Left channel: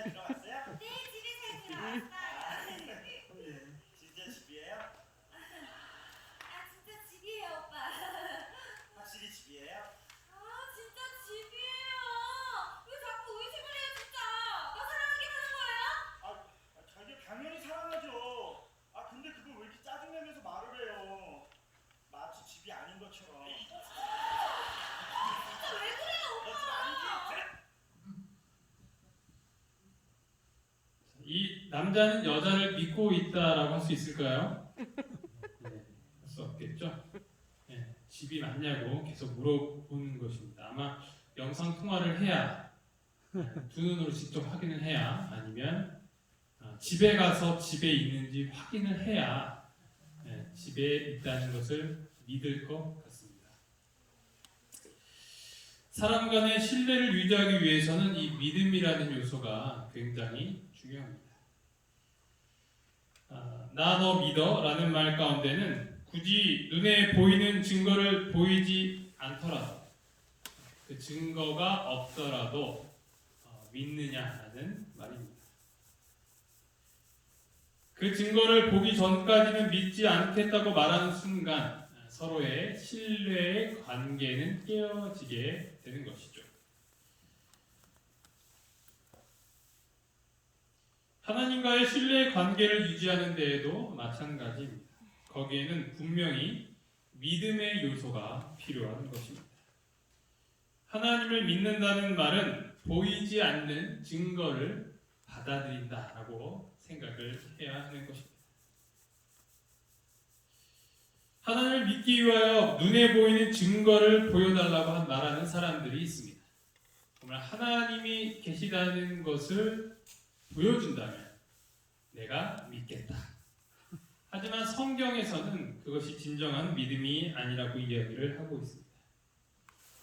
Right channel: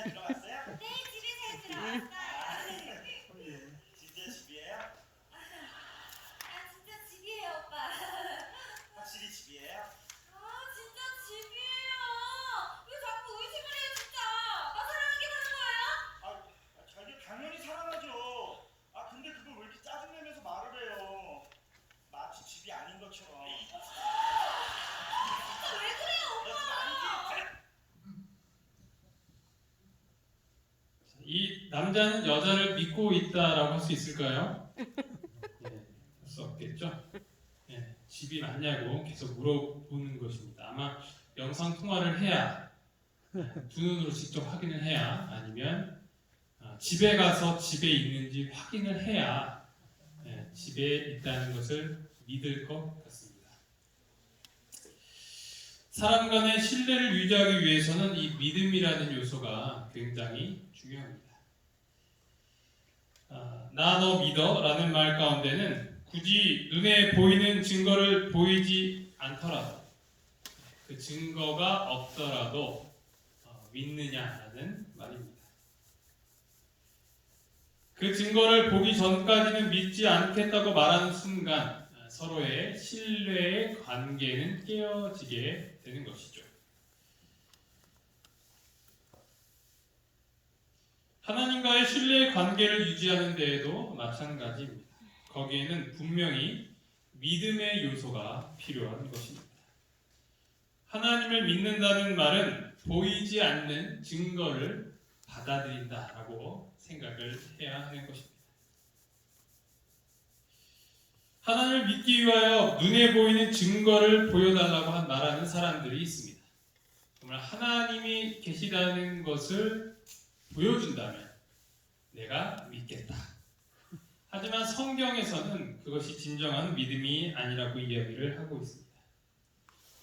잘 들어왔어요? 네, 집에 잘 들어왔어요. 진짜 집이에요? 아, 진짜 집이에요, 오빠. 확실히 집이에요? 아, 진짜 집이에요. 왜 자꾸 의심을 해요, 진짜. 나 사랑하게 사는 거예요? 자기 당연히 사랑하죠. 근데 그걸 왜 이렇게 짜증내면서 말을 해요? 마치 집이 아닌 것처럼. 진짜 왜 그래요, 오빠? 이 남자는 여자를 믿고 있다라고 할 수 있을까요? 네, 할 수 없겠죠. 네, 집이 맞냐고 계속 물어보는 것입니다. 아마 영상 통화를 해야 두 눈으로 직접 확인을 해야 아니면 집에 가서 집에 있는지 확인을 해야 집에 있다는 것을 믿을 것 같습니다. 사람 간의 신뢰를 유지하기 위해서는 이 믿음이라는 요소가 굉장히 중요합니다. 나 너 믿어 라는 말 가운데는 굳이 눈에 보이는 증거를 보이지 않더라도 그 증거가 없더라도 믿느냐라는 말입니다. 그 증거를 보기 전까지는 믿지 않겠다고 말하는 순간 서로의 신뢰의 관계는 깨어지게 되는 것이죠. 하나님과의 신뢰의 관계를 유지하는 데에도 마찬가지입니다. 거기에는 분명히 믿음의 요소가 필요한 것입니다. 하나님을 믿는다는 말은 보이지 않는 증거를 받아들인다라고 생각을 해야 하는 것입니다. 하나님을 믿기 위하여 눈에 보이는 증거를 보여달라고 말하는 사람들이 있습니다. 정말 하나님이 계시다는 것을 보여준다면 내가 믿겠다. 하지만 성경에서는 그것이 진정한 믿음이 아니라고 이야기를 하고 있습니다.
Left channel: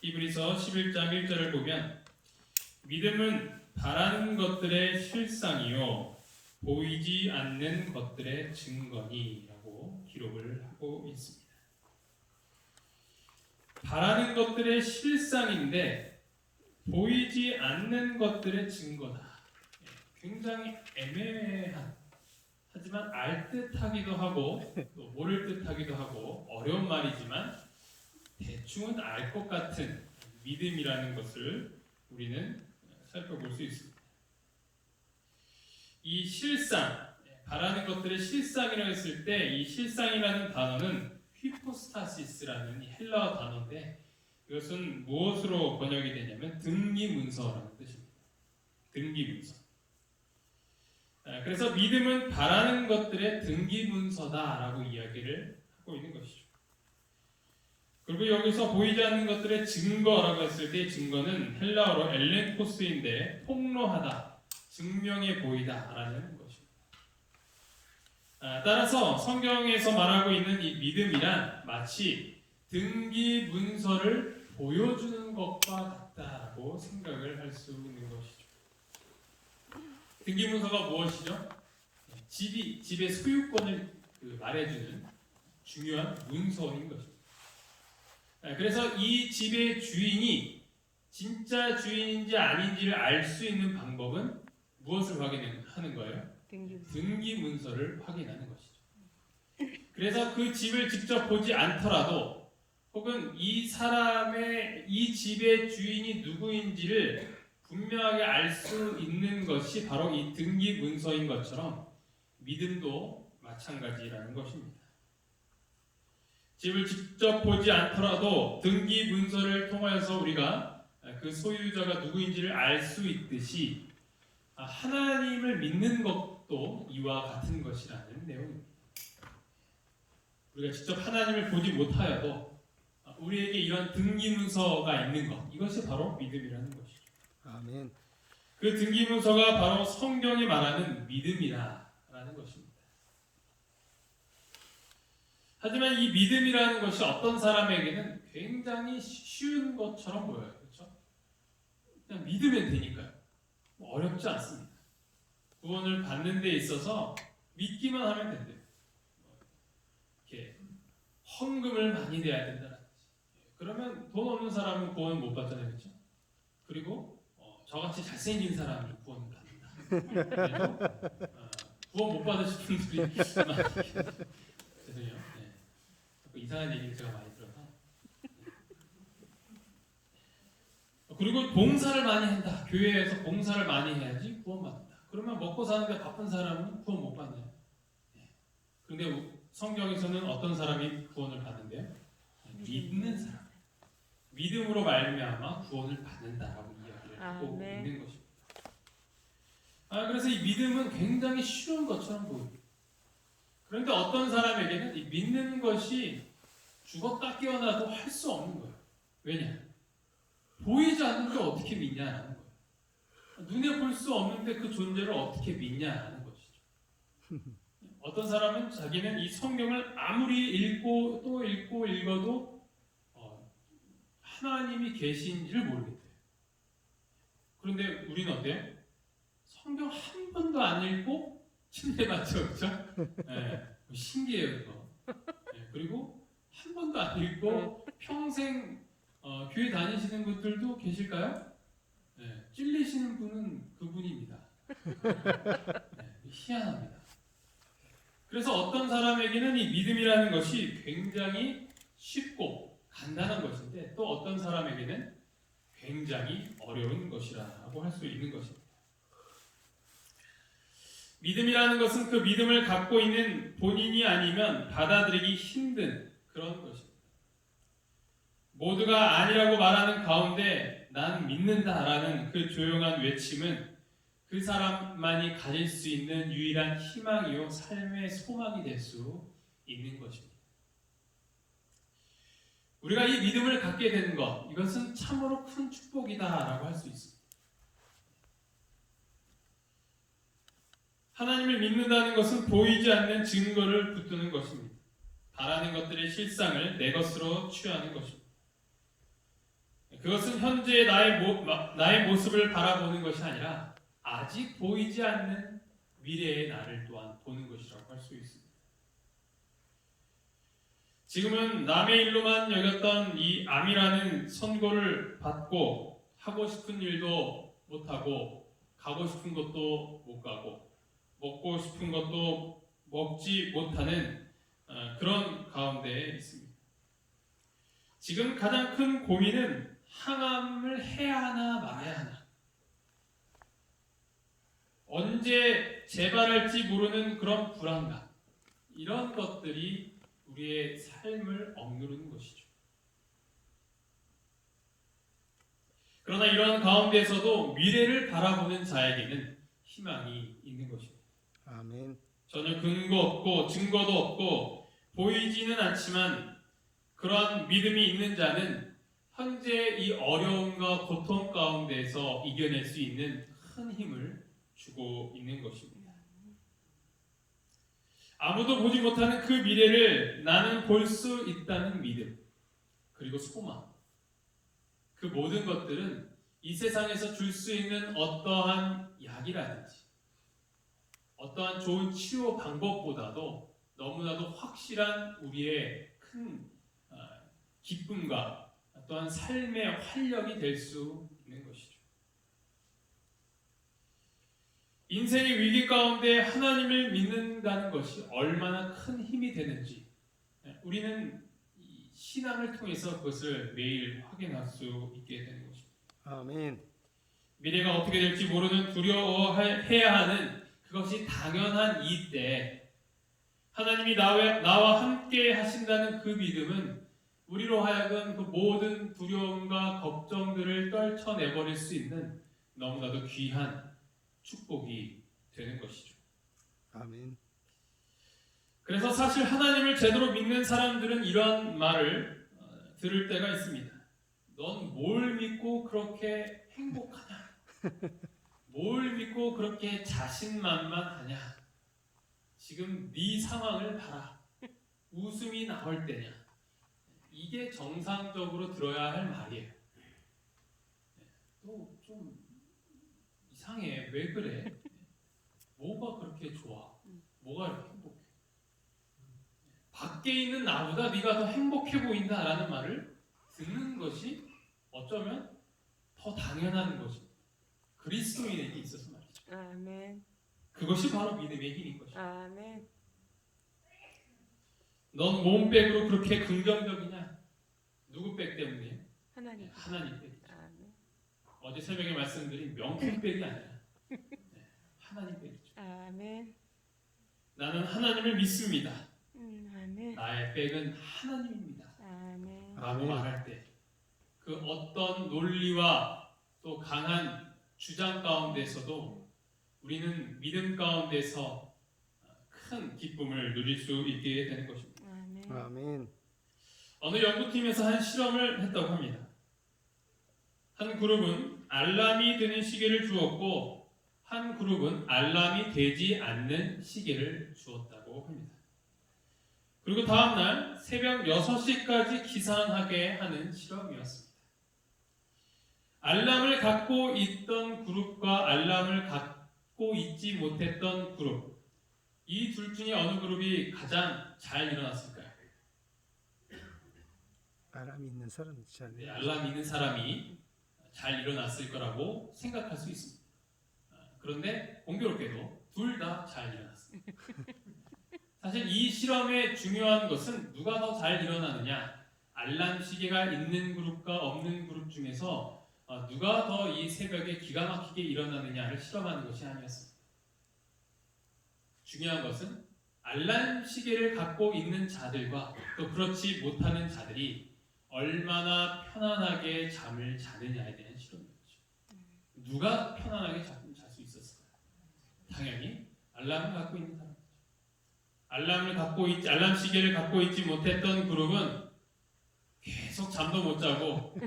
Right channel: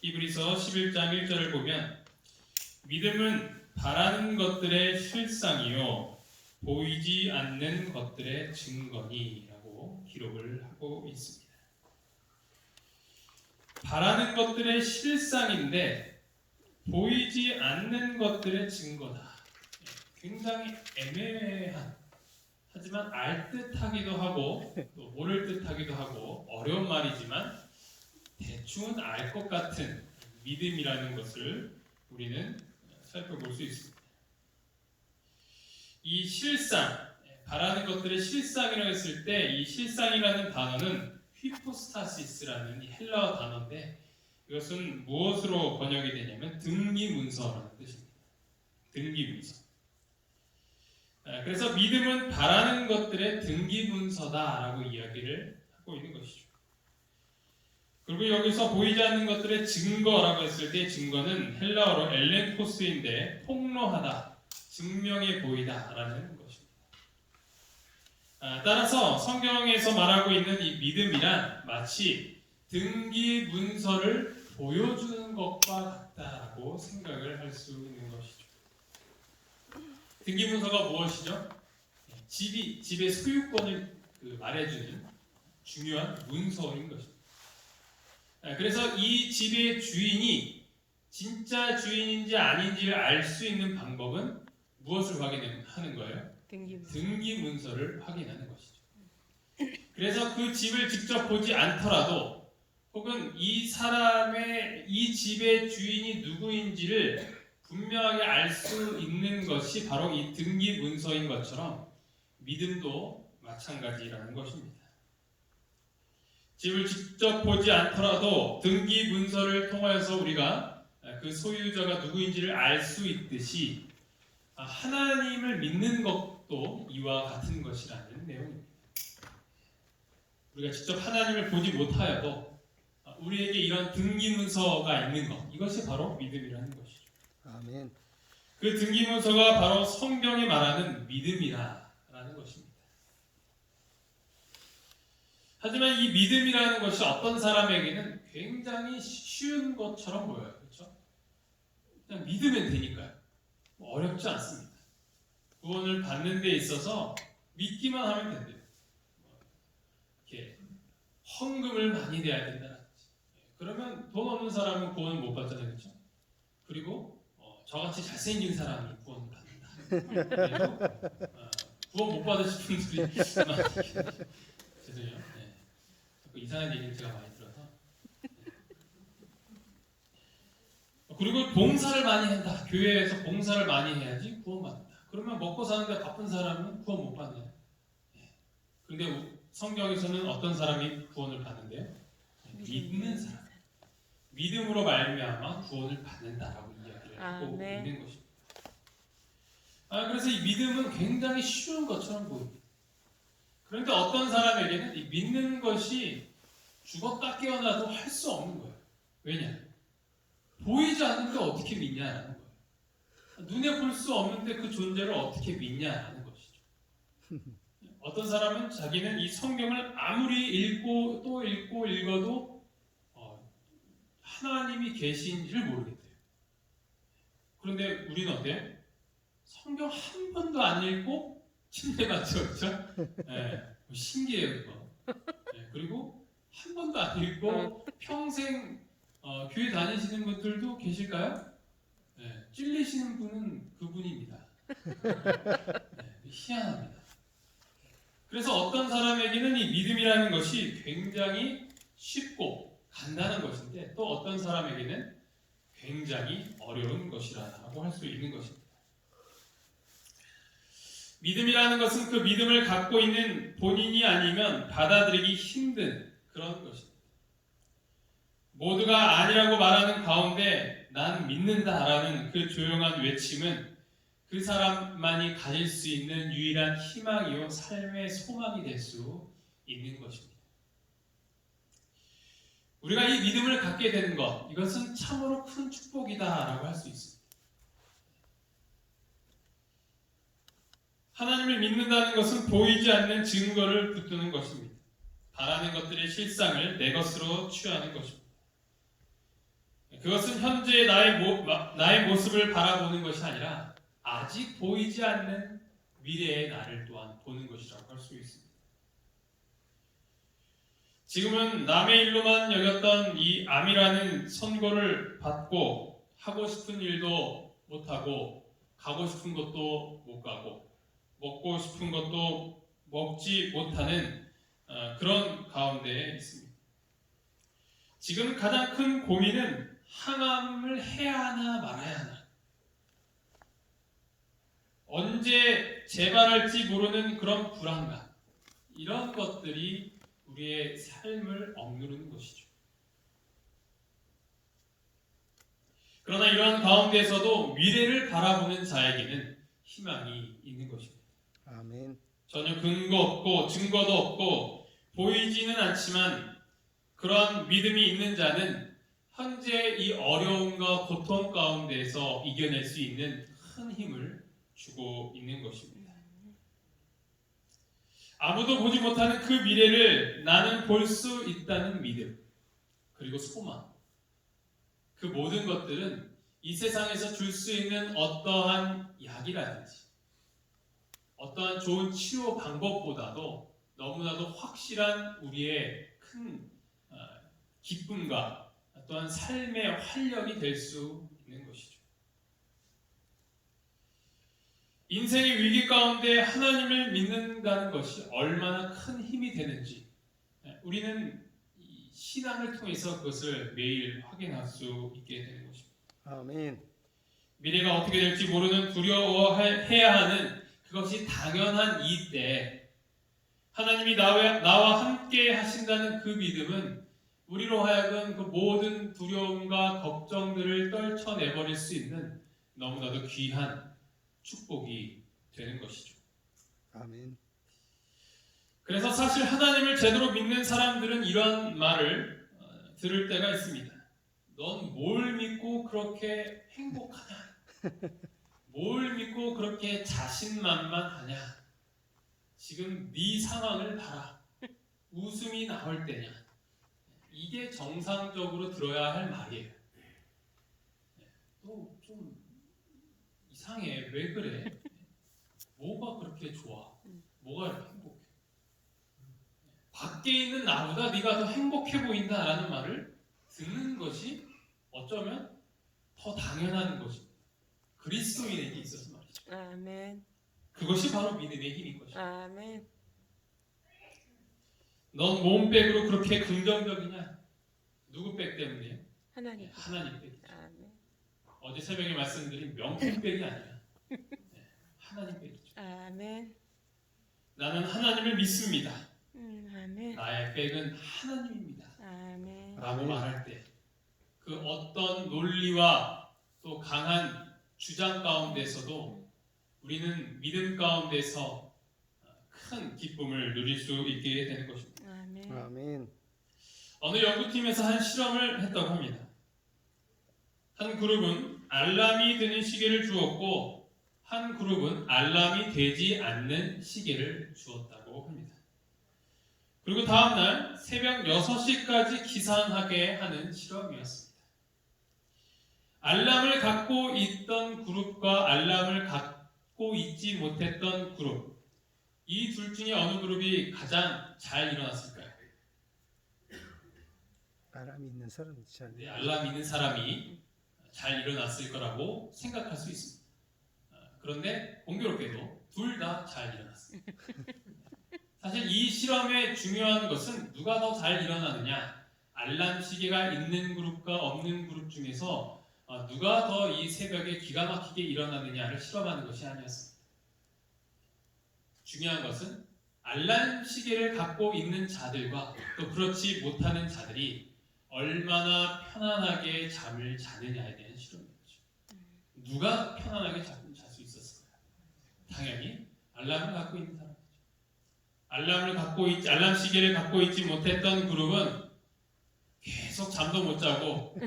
히브리서 11장 1절을 보면 믿음은 바라는 것들의 실상이요 보이지 않는 것들의 증거니 라고 기록을 하고 있습니다. 바라는 것들의 실상인데 보이지 않는 것들의 증거다. 굉장히 애매한 하지만 알듯하기도 하고 또 모를 듯하기도 하고 어려운 말이지만 대충은 알 것 같은 믿음이라는 것을 우리는 살펴볼 수 있습니다. 이 실상, 바라는 것들의 실상이라고 했을 때 이 실상이라는 단어는 휘포스타시스라는 헬라어 단어인데 이것은 무엇으로 번역이 되냐면 등기문서라는 뜻입니다. 등기문서. 그래서 믿음은 바라는 것들의 등기문서다라고 이야기를 하고 있는 것이죠. 그리고 여기서 보이지 않는 것들의 증거라고 했을 때 증거는 헬라어로 엘렌토스인데 폭로하다, 증명해 보이다라는 것입니다. 따라서 성경에서 말하고 있는 이 믿음이란 마치 등기문서를 보여주는 것과 같다고 생각을 할 수 있는 것이죠. 등기문서가 무엇이죠? 집의 소유권을 말해주는 중요한 문서인 것입니다. 그래서 이 집의 주인이 진짜 주인인지 아닌지를 알 수 있는 방법은 무엇을 확인하는 거예요? 등기문서를 확인하는 것이죠. 그래서 그 집을 직접 보지 않더라도 혹은 이 집의 주인이 누구인지를 분명하게 알 수 있는 것이 바로 이 등기문서인 것처럼 믿음도 마찬가지라는 것입니다. 집을 직접 보지 않더라도 등기문서를 통해서 우리가 그 소유자가 누구인지를 알 수 있듯이 하나님을 믿는 것도 이와 같은 것이라는 내용입니다. 우리가 직접 하나님을 보지 못하여도 우리에게 이런 등기문서가 있는 것, 이것이 바로 믿음이라는 것이죠. 아멘. 그 등기문서가 바로 성경이 말하는 믿음이라는 것입니다. 하지만 이 믿음이라는 것이 어떤 사람에게는 굉장히 쉬운 것처럼 보여요. 그렇죠? 그냥 믿으면 되니까요. 어렵지 않습니다. 구원을 받는 데 있어서 믿기만 하면 된대요. 이렇게 헌금을 많이 내야 된다든지. 그러면 돈 없는 사람은 구원을 못 받잖아요. 그렇죠? 그리고 저같이 잘생긴 사람이 구원을 받는다. 구원 못 받으신 분들이 죄송해요. 네. 자꾸 이상한 얘기를 제가 많이 들어서. 그리고 봉사를 많이 한다. 교회에서 봉사를 많이 해야지 구원받는다. 그러면 먹고 사는데 바쁜 사람은 구원 못 받나요? 그런데 성경에서는 어떤 사람이 구원을 받는데요? 믿는 사람. 믿음으로 말미암아 구원을 받는다라고 이야기를 하고 있는 것입니다. 그래서 이 믿음은 굉장히 쉬운 것처럼 보입니다. 그런데 어떤 사람에게는 이 믿는 것이 죽었다 깨어나도 할 수 없는 거예요. 왜냐? 보이지 않는데 어떻게 믿냐라는 거예요. 눈에 볼 수 없는데 그 존재를 어떻게 믿냐라는 것이죠. 어떤 사람은 자기는 이 성경을 아무리 읽고 또 읽고 읽어도 하나님이 계신지를 모르겠대요. 그런데 우리는 어때요? 성경 한 번도 안 읽고 침대 맞죠, 그렇죠? 네, 신기해요, 그거. 네, 그리고 한 번도 안 읽고 평생 교회 다니시는 분들도 계실까요? 네, 찔리시는 분은 그분입니다. 네, 희한합니다. 그래서 어떤 사람에게는 이 믿음이라는 것이 굉장히 쉽고 간단한 것인데 또 어떤 사람에게는 굉장히 어려운 것이라고 할 수 있는 것입니다. 믿음이라는 것은 그 믿음을 갖고 있는 본인이 아니면 받아들이기 힘든 그런 것입니다. 모두가 아니라고 말하는 가운데 난 믿는다라는 그 조용한 외침은 그 사람만이 가질 수 있는 유일한 희망이요 삶의 소망이 될 수 있는 것입니다. 우리가 이 믿음을 갖게 되는 것, 이것은 참으로 큰 축복이다라고 할 수 있습니다. 하나님을 믿는다는 것은 보이지 않는 증거를 붙드는 것입니다. 바라는 것들의 실상을 내 것으로 취하는 것입니다. 그것은 현재의 나의 모습을 바라보는 것이 아니라 아직 보이지 않는 미래의 나를 또한 보는 것이라고 할 수 있습니다. 지금은 남의 일로만 여겼던 이 암이라는 선고를 받고 하고 싶은 일도 못하고 가고 싶은 곳도 못 가고 먹고 싶은 것도 먹지 못하는 그런 가운데에 있습니다. 지금 가장 큰 고민은 항암을 해야 하나 말아야 하나, 언제 재발할지 모르는 그런 불안감, 이런 것들이 우리의 삶을 억누르는 것이죠. 그러나 이러한 가운데에서도 미래를 바라보는 자에게는 희망이 있는 것입니다. 아멘. 전혀 근거 없고 증거도 없고 보이지는 않지만 그런 믿음이 있는 자는 현재 이 어려움과 고통 가운데에서 이겨낼 수 있는 큰 힘을 주고 있는 것입니다. 아무도 보지 못하는 그 미래를 나는 볼 수 있다는 믿음, 그리고 소망, 그 모든 것들은 이 세상에서 줄 수 있는 어떠한 약이라든지 어떠한 좋은 치료 방법보다도 너무나도 확실한 우리의 큰 기쁨과 또한 삶의 활력이 될 수 있는 것이죠. 인생의 위기 가운데 하나님을 믿는다는 것이 얼마나 큰 힘이 되는지 우리는 신앙을 통해서 그것을 매일 확인할 수 있게 되는 것입니다. 아멘. 미래가 어떻게 될지 모르는 두려워해야 하는 그것이 당연한 이때 하나님이 나와 함께 하신다는 그 믿음은 우리로 하여금 그 모든 두려움과 걱정들을 떨쳐내버릴 수 있는 너무나도 귀한 축복이 되는 것이죠. 아멘. 그래서 사실 하나님을 제대로 믿는 사람들은 이런 말을 들을 때가 있습니다. 넌 뭘 믿고 그렇게 행복하냐? 뭘 믿고 그렇게 자신만만하냐? 지금 네 상황을 봐라. 웃음이 나올 때냐? 이게 정상적으로 들어야 할 말이에요. 또 좀 이상해. 왜 그래? 뭐가 그렇게 좋아? 뭐가 이렇게 행복해? 밖에 있는 나보다 네가 더 행복해 보인다라는 말을 듣는 것이 어쩌면 더 당연한 것입니다. 그리스도인에게 있어서 말이죠. 아멘. 그것이 바로 믿음의 힘인 것이죠. 아멘. 넌 몸백으로 그렇게 긍정적이냐? 누구 백 때문에? 하나님. 하나님 백. 아멘. 어제 새벽에 말씀드린 명품 백이 아니야. 하나님 백이죠. 아멘. 나는 하나님을 믿습니다. 아멘. 나의 백은 하나님입니다. 아멘. 라고 말할 때 그 어떤 논리와 또 강한 주장 가운데서도 우리는 믿음 가운데서 큰 기쁨을 누릴 수 있게 되는 것입니다. 아멘. 아멘. 어느 연구팀에서 한 실험을 했다고 합니다. 한 그룹은 알람이 되는 시계를 주었고 한 그룹은 알람이 되지 않는 시계를 주었다고 합니다. 그리고 다음날 새벽 6시까지 기상하게 하는 실험이었습니다. 알람을 갖고 있던 그룹과 알람을 갖고 있지 못했던 그룹, 이 둘 중에 어느 그룹이 가장 잘 일어났을까요? 바람이 있는 사람 잘. 네, 알람 있는 사람이 잘 일어났을 거라고 생각할 수 있습니다. 그런데 공교롭게도 둘 다 잘 일어났습니다. 사실 이 실험의 중요한 것은 누가 더 잘 일어나느냐, 알람 시계가 있는 그룹과 없는 그룹 중에서 누가 더 이 새벽에 기가 막히게 일어나느냐를 실험하는 것이 아니었습니다. 중요한 것은 알람 시계를 갖고 있는 자들과 또 그렇지 못하는 자들이 얼마나 편안하게 잠을 자느냐에 대한 실험이었죠. 누가 편안하게 잘 수 있었을까요? 당연히 알람을 갖고 있는 사람. 알람 시계를 갖고 있지 못했던 그룹은 계속 잠도 못 자고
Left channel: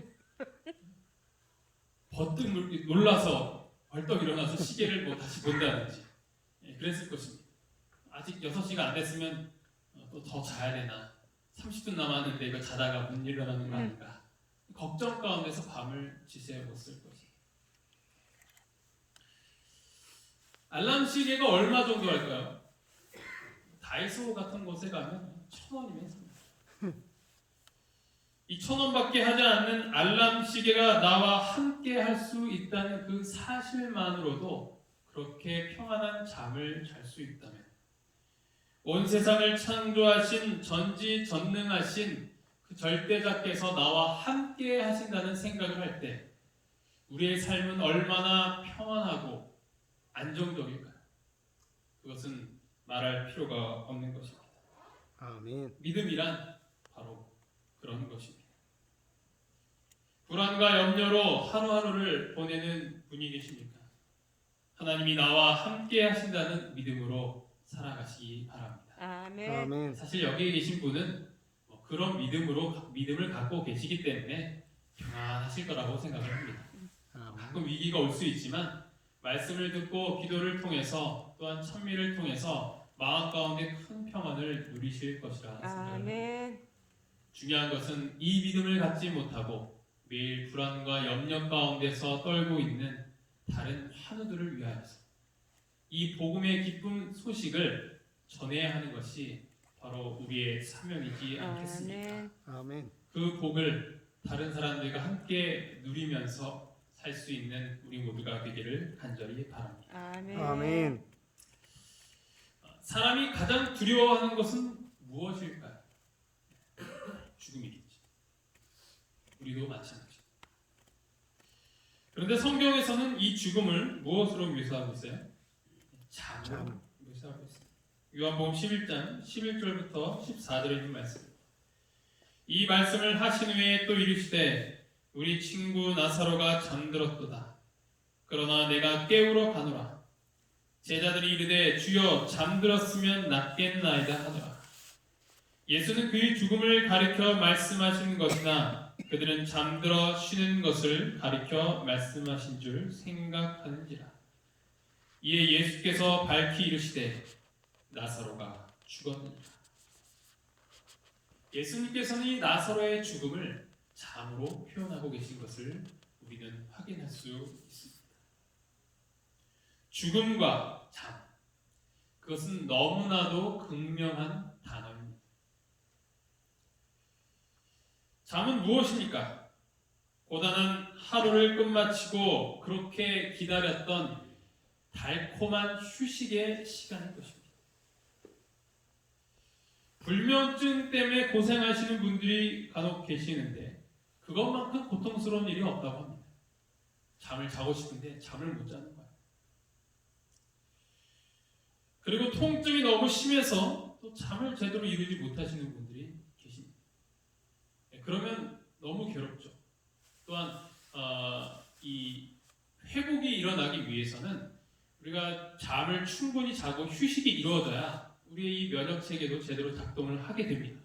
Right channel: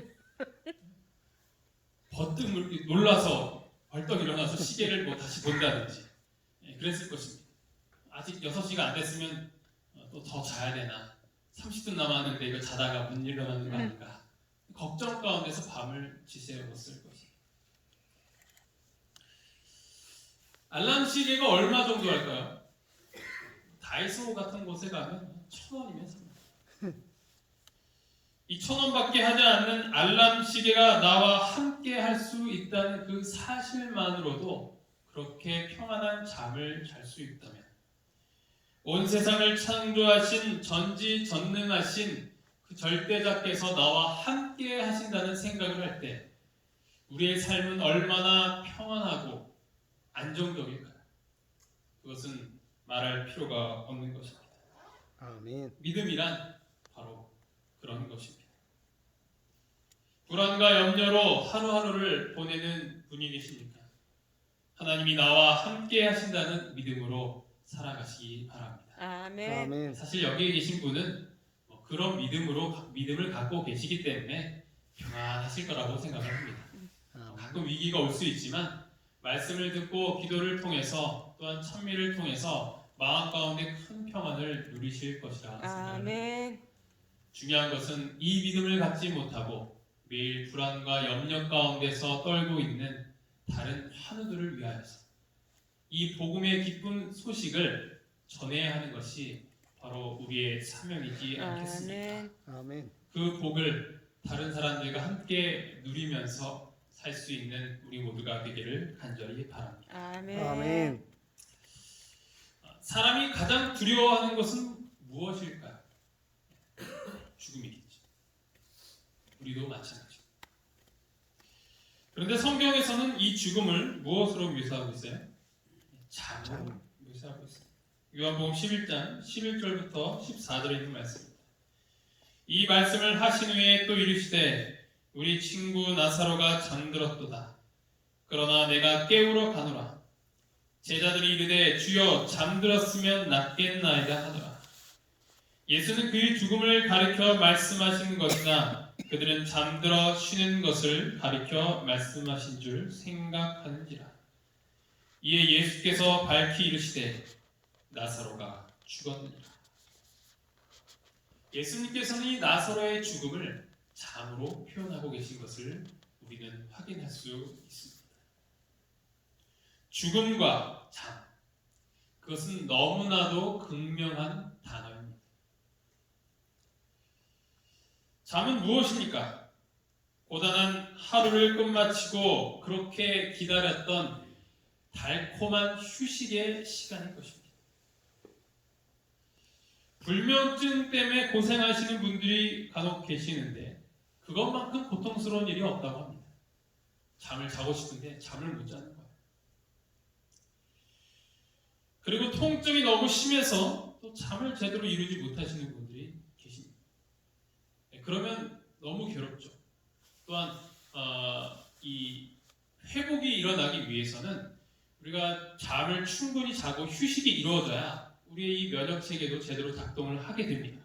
버뜩 놀라서 벌떡 일어나서 시계를 다시 본다든지 그랬을 것입니다. 아직 6시가 안 됐으면 또 더 자야 되나, 30분 남았는데 이거 자다가 못 일어나는 거 아닌가, 걱정 가운데서 밤을 지새웠을 것입니다. 알람 시계가 얼마 정도 할까요? 다이소 같은 곳에 가면 1,000원이면 삽니다. 이 1,000원밖에 하지 않는 알람 시계가 나와 함께 할 수 있다는 그 사실만으로도 그렇게 평안한 잠을 잘 수 있다면, 온 세상을 창조하신 전지전능하신 그 절대자께서 나와 함께 하신다는 생각을 할 때 우리의 삶은 얼마나 평안하고 안정적일까요? 그것은 말할 필요가 없는 것입니다. 아멘. 믿음이란 바로 그런 것입니다. 불안과 염려로 하루하루를 보내는 분이 계십니까? 하나님이 나와 함께 하신다는 믿음으로 살아가시기 바랍니다. 아멘. 아멘. 사실 여기에 계신 분은 그런 믿음을 갖고 계시기 때문에 평안하실 거라고 생각을 합니다. 아멘. 가끔 위기가 올 수 있지만 말씀을 듣고 기도를 통해서 또한 찬미를 통해서 마음 가운데 큰 평안을 누리실 것이라 생각합니다. 아멘. 중요한 것은 이 믿음을 갖지 못하고 매일 불안과 염려 가운데서 떨고 있는 다른 환우들을 위하여서 이 복음의 기쁜 소식을 전해야 하는 것이 바로 우리의 사명이지 않겠습니까? 아멘. 아멘. 그 복을 다른 사람들과 함께 누리면서 살 수 있는 우리 모두가 되기를 간절히 바랍니다. 아멘. 아멘. 사람이 가장 두려워하는 것은 무엇일까요? 죽음이겠죠. 우리도 마찬가지죠. 그런데 성경에서는 이 죽음을 무엇으로 묘사하고 있어요? 잠으로 묘사하고 있습니다. 요한복음 11장 11절부터 14절에 있는 말씀. 이 말씀을 하신 후에 또 이르시되 우리 친구 나사로가 잠들었도다. 그러나 내가 깨우러 가노라. 제자들이 이르되 주여 잠들었으면 낫겠나이다 하더라. 예수는 그의 죽음을 가리켜 말씀하신 것이나 그들은 잠들어 쉬는 것을 가리켜 말씀하신 줄 생각하는지라. 이에 예수께서 밝히 이르시되 나사로가 죽었느니라. 예수님께서는 이 나사로의 죽음을 잠으로 표현하고 계신 것을 우리는 확인할 수 있습니다. 죽음과 잠, 그것은 너무나도 극명한 단어입니다. 잠은 무엇입니까? 고단한 하루를 끝마치고 그렇게 기다렸던 달콤한 휴식의 시간일 것입니다. 불면증 때문에 고생하시는 분들이 간혹 계시는데 그것만큼 고통스러운 일이 없다고 합니다. 잠을 자고 싶은데 잠을 못 자는 거예요. 그리고 통증이 너무 심해서 또 잠을 제대로 이루지 못하시는 분들이 계십니다. 그러면 너무 괴롭죠. 또한 이 회복이 일어나기 위해서는 우리가 잠을 충분히 자고 휴식이 이루어져야 우리의 이 면역 체계도 제대로 작동을 하게 됩니다.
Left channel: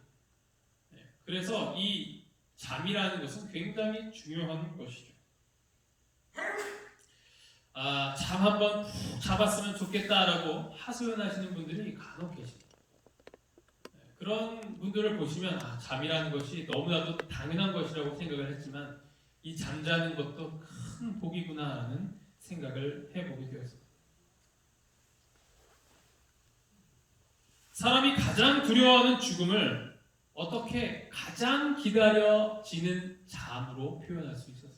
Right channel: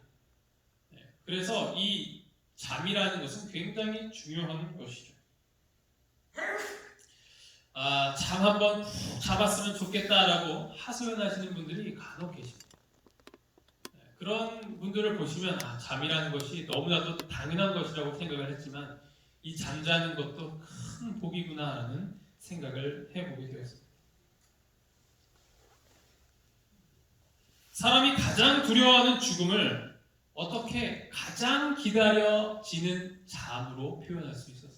그래서 이 잠이라는 것은 굉장히 중요한 것이죠. 잠 한번 푹 잡았으면 좋겠다라고 하소연하시는 분들이 간혹 계십니다. 그런 분들을 보시면 잠이라는 것이 너무나도 당연한 것이라고 생각을 했지만 이 잠자는 것도 큰 복이구나라는 생각을 해보게 되었습니다. 사람이 가장 두려워하는 죽음을 어떻게 가장 기다려지는 잠으로 표현할 수 있었을까?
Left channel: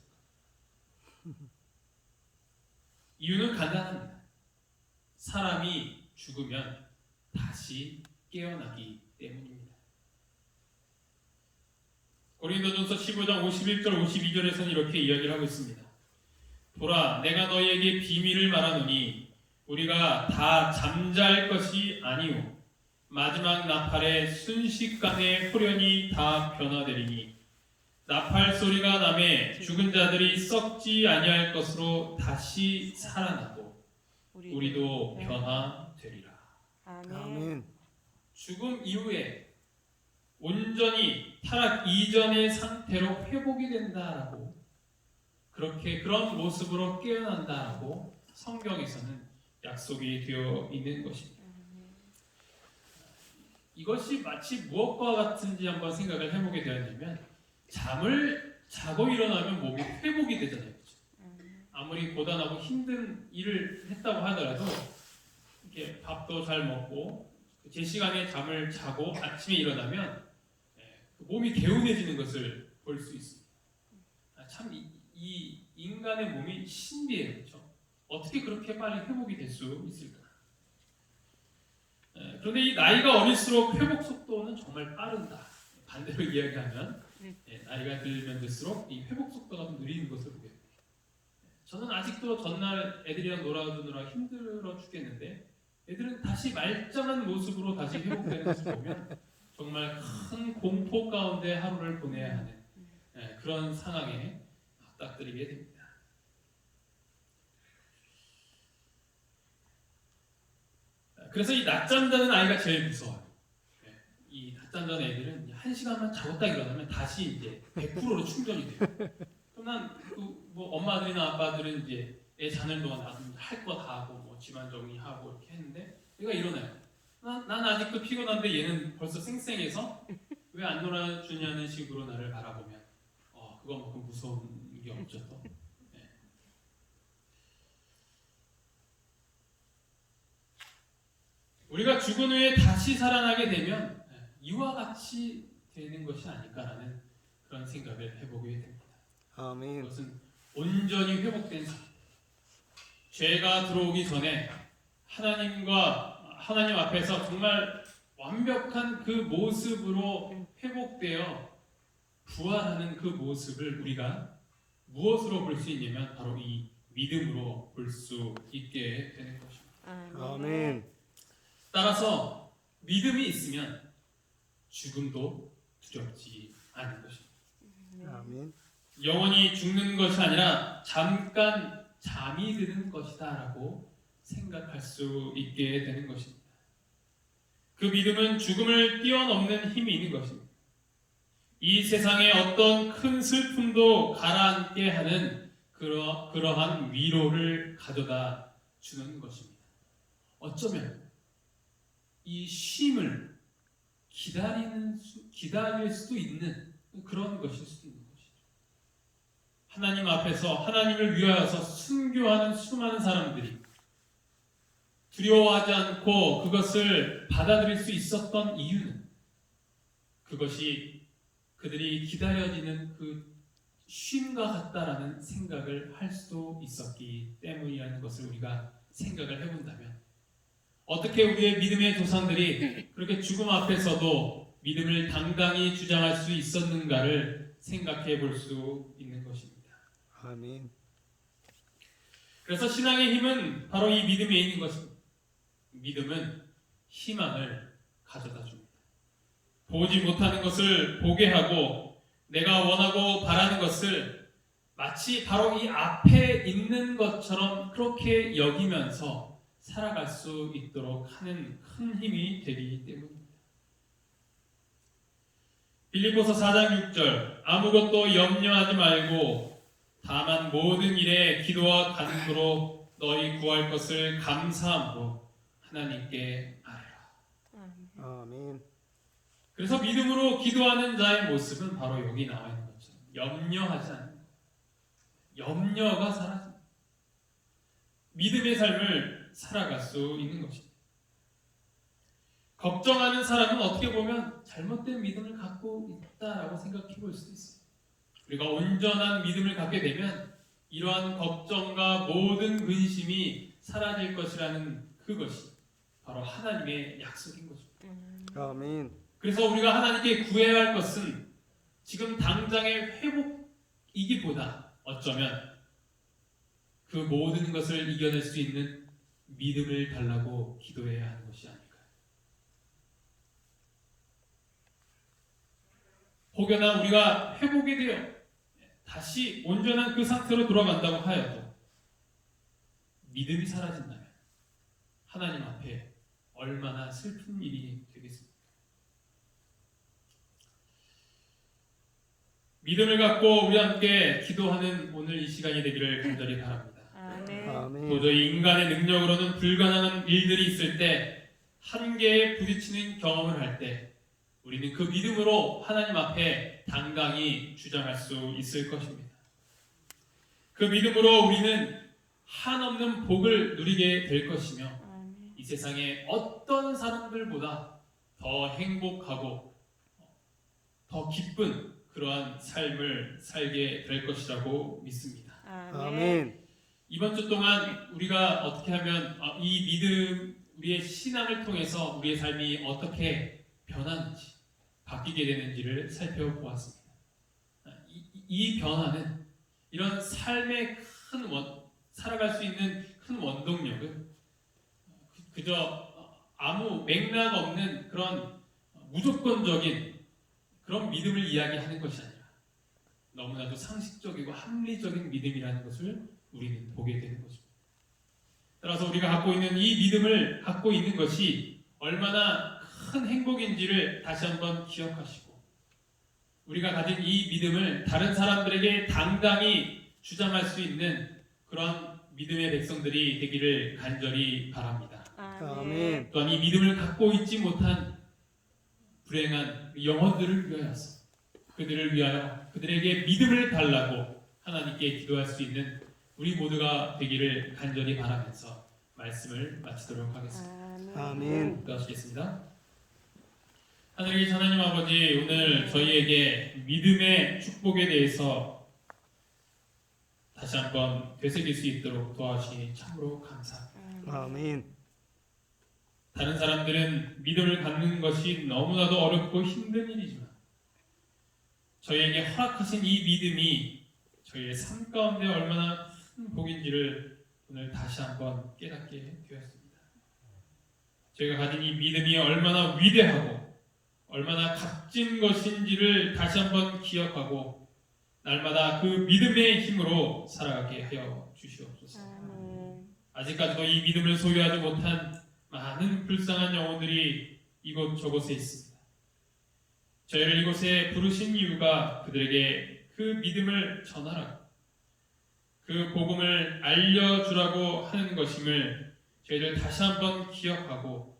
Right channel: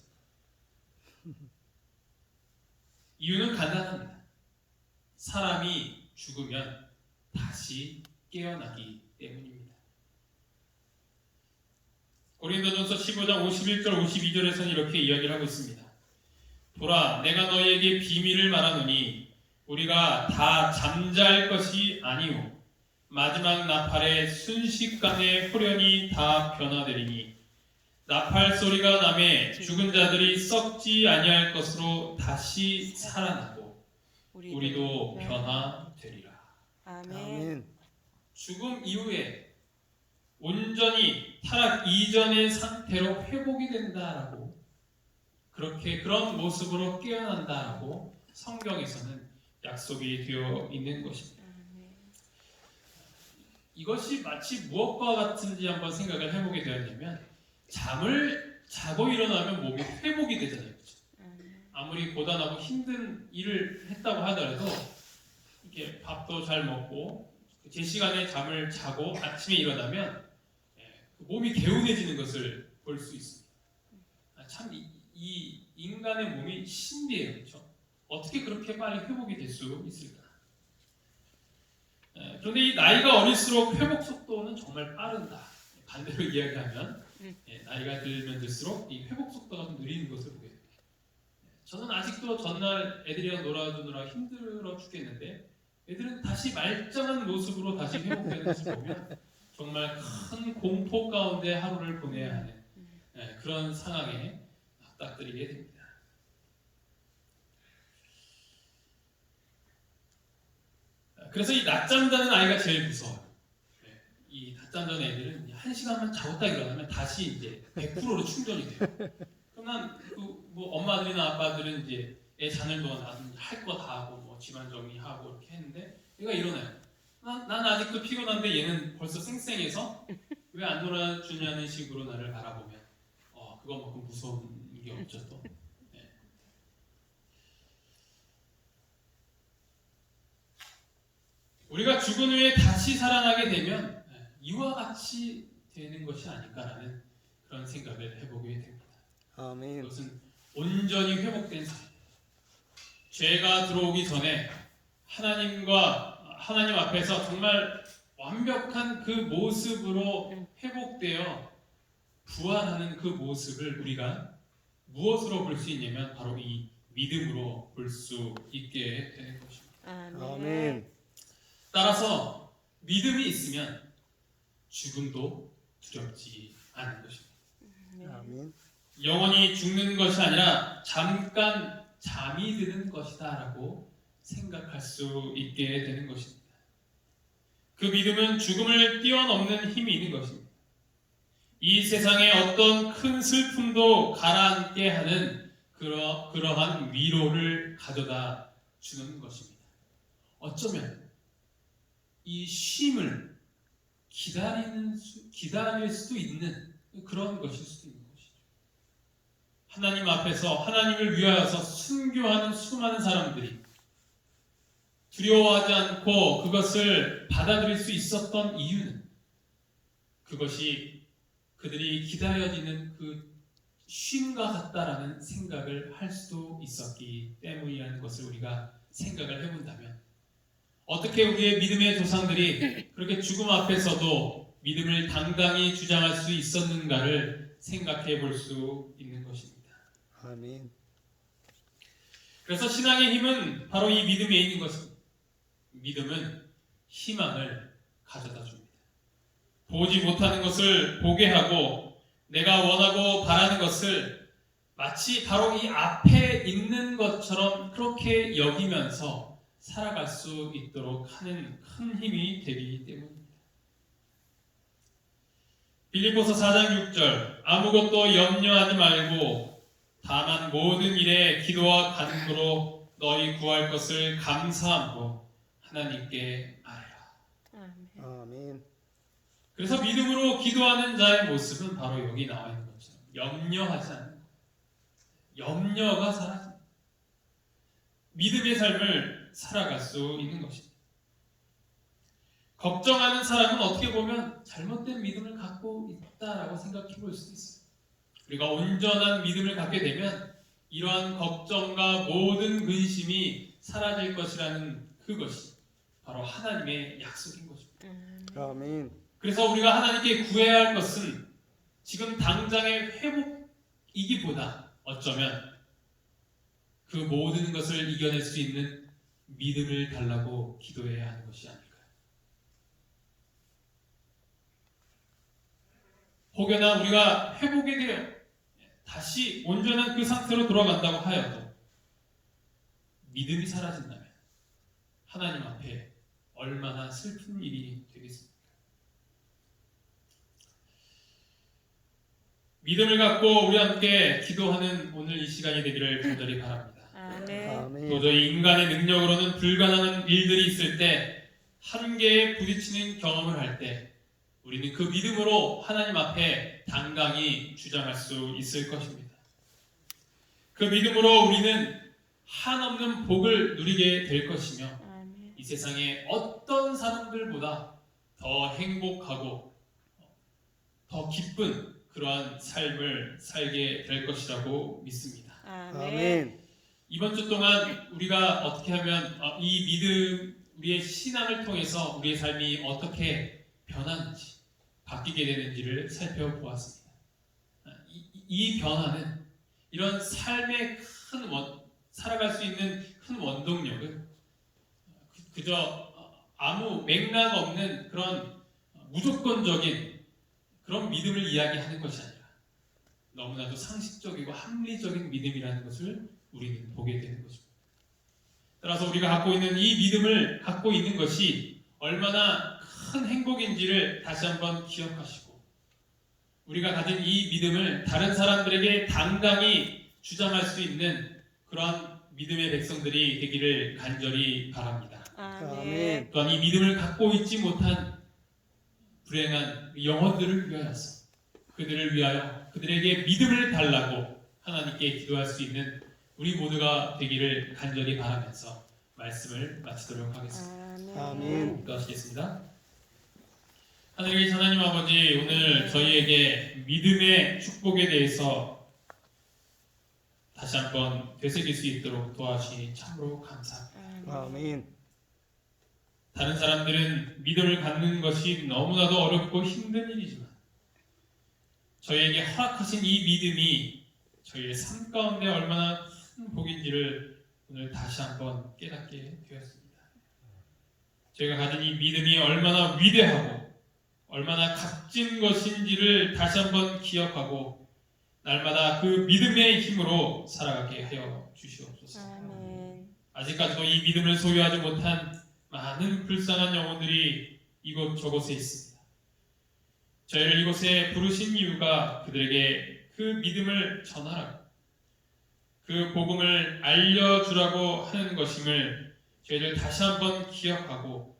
이유는 간단합니다. 사람이 죽으면 다시 깨어나기 때문입니다. 고린도전서 15장 51절 52절에서는 이렇게 이야기를 하고 있습니다. 보라, 내가 너희에게 비밀을 말하노니 우리가 다 잠잘 것이 아니오 마지막 나팔의 순식간에 호련히 다 변화되리니 나팔 소리가 나매 죽은 자들이 썩지 아니할 것으로 다시 살아나고 우리도 변화되리라. 아멘. 아멘. 죽음 이후에 온전히 타락 이전의 상태로 회복이 된다라고 그런 모습으로 깨어난다라고 성경에서는 약속이 되어 있는 것입니다. 이것이 마치 무엇과 같은지 한번 생각을 해보게 되었냐면 잠을 자고 일어나면 몸이 회복이 되잖아요. 아무리 고단하고 힘든 일을 했다고 하더라도 이렇게 밥도 잘 먹고 제 시간에 잠을 자고 아침에 일어나면 몸이 개운해지는 것을 볼 수 있습니다. 참 이 인간의 몸이 신비해요. 그렇죠? 어떻게 그렇게 빨리 회복이 될 수 있을까? 그런데 이 나이가 어릴수록 회복 속도는 정말 빠른다. 반대로 이야기하면 나이가 들면 들수록 이 회복 속도가 좀 느리는 것을 보게 됩니다. 저는 아직도 전날 애들이랑 놀아주느라 힘들어 죽겠는데 애들은 다시 말짱한 모습으로 다시 회복되는 것을 보면 정말 큰 공포 가운데 하루를 보내야 하는 그런 상황에 맞닥뜨리게 됩니다. 그래서 이 낮잠자는 아이가 제일 무서워요. 이 낮잠자는 애들은 1시간만 자고 딱 일어나면 다시 이제 100%로 충전이 돼요. 그러면 뭐 엄마들이나 아빠들은 이제 애 자는 동안 나도 할 거 다 하고 뭐 집안 정리하고 이렇게 했는데 얘가 일어나요. 난 아직도 피곤한데 얘는 벌써 쌩쌩해서 왜 안 놀아주냐는 식으로 나를 바라보면 그것만큼 무서운 게 없죠. 또. 우리가 죽은 후에 다시 살아나게 되면 이와 같이 되는 것이 아닐까라는 그런 생각을 해보게 됩니다. 아멘. 그것은 온전히 회복된 삶. 죄가 들어오기 전에 하나님 앞에서 정말 완벽한 그 모습으로 회복되어 부활하는 그 모습을 우리가 무엇으로 볼 수 있냐면 바로 이 믿음으로 볼 수 있게 되는 것입니다. 아멘. 따라서 믿음이 있으면 죽음도 두렵지 않은 것입니다. 아멘. 영원히 죽는 것이 아니라 잠깐 잠이 드는 것이다 라고 생각할 수 있게 되는 것입니다. 그 믿음은 죽음을 뛰어넘는 힘이 있는 것입니다. 이 세상의 어떤 큰 슬픔도 가라앉게 하는 그러한 위로를 가져다 주는 것입니다. 어쩌면 이 쉼을 기다릴 수도 있는 그런 것일 수도 있는 것이죠. 하나님 앞에서 하나님을 위하여서 순교하는 수많은 사람들이 두려워하지 않고 그것을 받아들일 수 있었던 이유는 그것이 그들이 기다려지는 그 쉼과 같다라는 생각을 할 수도 있었기 때문이라는 것을 우리가 생각을 해본다면 어떻게 우리의 믿음의 조상들이 그렇게 죽음 앞에서도 믿음을 당당히 주장할 수 있었는가를 생각해 볼 수 있는 것입니다. 아멘. 그래서 신앙의 힘은 바로 이 믿음에 있는 것입니다. 믿음은 희망을 가져다 줍니다. 보지 못하는 것을 보게 하고 내가 원하고 바라는 것을 마치 바로 이 앞에 있는 것처럼 그렇게 여기면서 살아갈 수 있도록 하는 큰 힘이 되기 때문입니다. 빌립보서 4장 6절 아무것도 염려하지 말고 다만 모든 일에 기도와 간구로 너희 구할 것을 감사함으로 하나님께 아뢰라. 아멘. 아멘. 그래서 믿음으로 기도하는 자의 모습은 바로 여기 나와 있는 거죠. 염려하지 않는 것. 염려가 사라집니다. 믿음의 삶을 살아갈 수 있는 것입니다. 걱정하는 사람은 어떻게 보면 잘못된 믿음을 갖고 있다라고 생각해 볼 수 있어요. 우리가 온전한 믿음을 갖게 되면 이러한 걱정과 모든 근심이 사라질 것이라는 그것이 바로 하나님의 약속인 것입니다. 아멘. 그래서 우리가 하나님께 구해야 할 것은 지금 당장의 회복이기보다 어쩌면 그 모든 것을 이겨낼 수 있는 믿음을 달라고 기도해야 하는 것이 아닐까요? 혹여나 우리가 회복에 되어 다시 온전한 그 상태로 돌아간다고 하여도 믿음이 사라진다면 하나님 앞에 얼마나 슬픈 일이 되겠습니까? 믿음을 갖고 우리 함께 기도하는 오늘 이 시간이 되기를 간절히 바랍니다. 아멘. 아멘. 도저히 인간의 능력으로는 불가능한 일들이 있을 때 한계에 부딪히는 경험을 할 때 우리는 그 믿음으로 하나님 앞에 당당히 주장할 수 있을 것입니다. 그 믿음으로 우리는 한없는 복을 누리게 될 것이며 아멘. 이 세상의 어떤 사람들보다 더 행복하고 더 기쁜 그러한 삶을 살게 될 것이라고 믿습니다. 아멘. 이번 주 동안 우리가 어떻게 하면 이 믿음, 우리의 신앙을 통해서 우리의 삶이 어떻게 변하는지, 바뀌게 되는지를 살펴보았습니다. 이 변화는 이런 삶의 살아갈 수 있는 큰 원동력은 그저 아무 맥락 없는 그런 무조건적인 그런 믿음을 이야기하는 것이 아니라 너무나도 상식적이고 합리적인 믿음이라는 것을 우리는 보게 되는 것입니다. 따라서 우리가 갖고 있는 이 믿음을 갖고 있는 것이 얼마나 큰 행복인지를 다시 한번 기억하시고 우리가 가진 이 믿음을 다른 사람들에게 당당히 주장할 수 있는 그러한 믿음의 백성들이 되기를 간절히 바랍니다. 아멘. 또한 이 믿음을 갖고 있지 못한 불행한 영혼들을 위하여서 그들을 위하여 그들에게 믿음을 달라고 하나님께 기도할 수 있는 우리 모두가 되기를 간절히 바라면서 말씀을 마치도록 하겠습니다. 아멘. 기도하시겠습니다. 하늘의 하나님 아버지, 오늘 저희에게 믿음의 축복에 대해서 다시 한번 되새길 수 있도록 도와주시니 참으로 감사합니다. 아멘. 다른 사람들은 믿음을 갖는 것이 너무나도 어렵고 힘든 일이지만 저희에게 허락하신 이 믿음이 저희의 삶 가운데 얼마나 큰 복인지를 오늘 다시 한번 깨닫게 되었습니다. 저희가 가진 이 믿음이 얼마나 위대하고 얼마나 값진 것인지를 다시 한번 기억하고 날마다 그 믿음의 힘으로 살아가게 하여 주시옵소서. 아멘. 아직까지도 이 믿음을 소유하지 못한 많은 불쌍한 영혼들이 이곳저곳에 있습니다. 저희를 이곳에 부르신 이유가 그들에게 그 믿음을 전하라고 그 복음을 알려주라고 하는 것임을 저희들 다시 한번 기억하고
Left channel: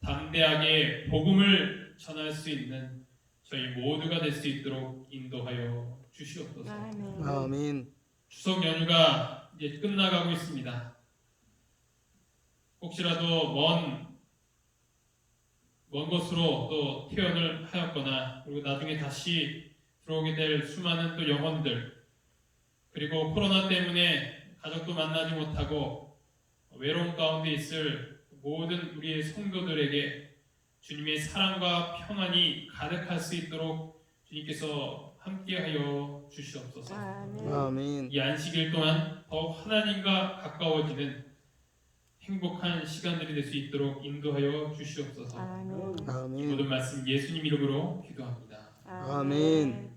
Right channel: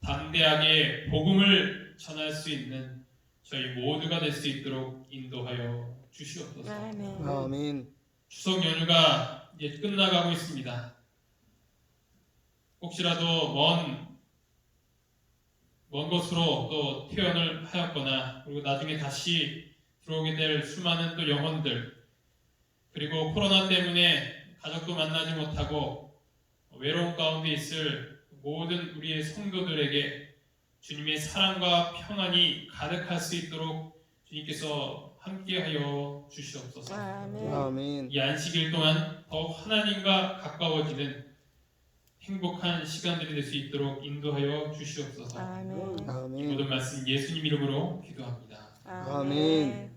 담대하게 복음을 전할 수 있는 저희 모두가 될 수 있도록 인도하여 주시옵소서. 아멘. 아멘. 추석 연휴가 이제 끝나가고 있습니다. 혹시라도 먼 곳으로 또 퇴원을 하였거나 그리고 나중에 다시 들어오게 될 수많은 또 영혼들 그리고 코로나 때문에 가족도 만나지 못하고 외로움 가운데 있을 모든 우리의 성도들에게 주님의 사랑과 평안이 가득할 수 있도록 주님께서 함께하여 주시옵소서. 아멘. 아멘. 이 안식일 동안 더욱 하나님과 가까워지는 행복한 시간들이 될 수 있도록 인도하여 주시옵소서. 아멘. 아멘. 모든 말씀 예수님 이름으로 기도합니다. 아멘.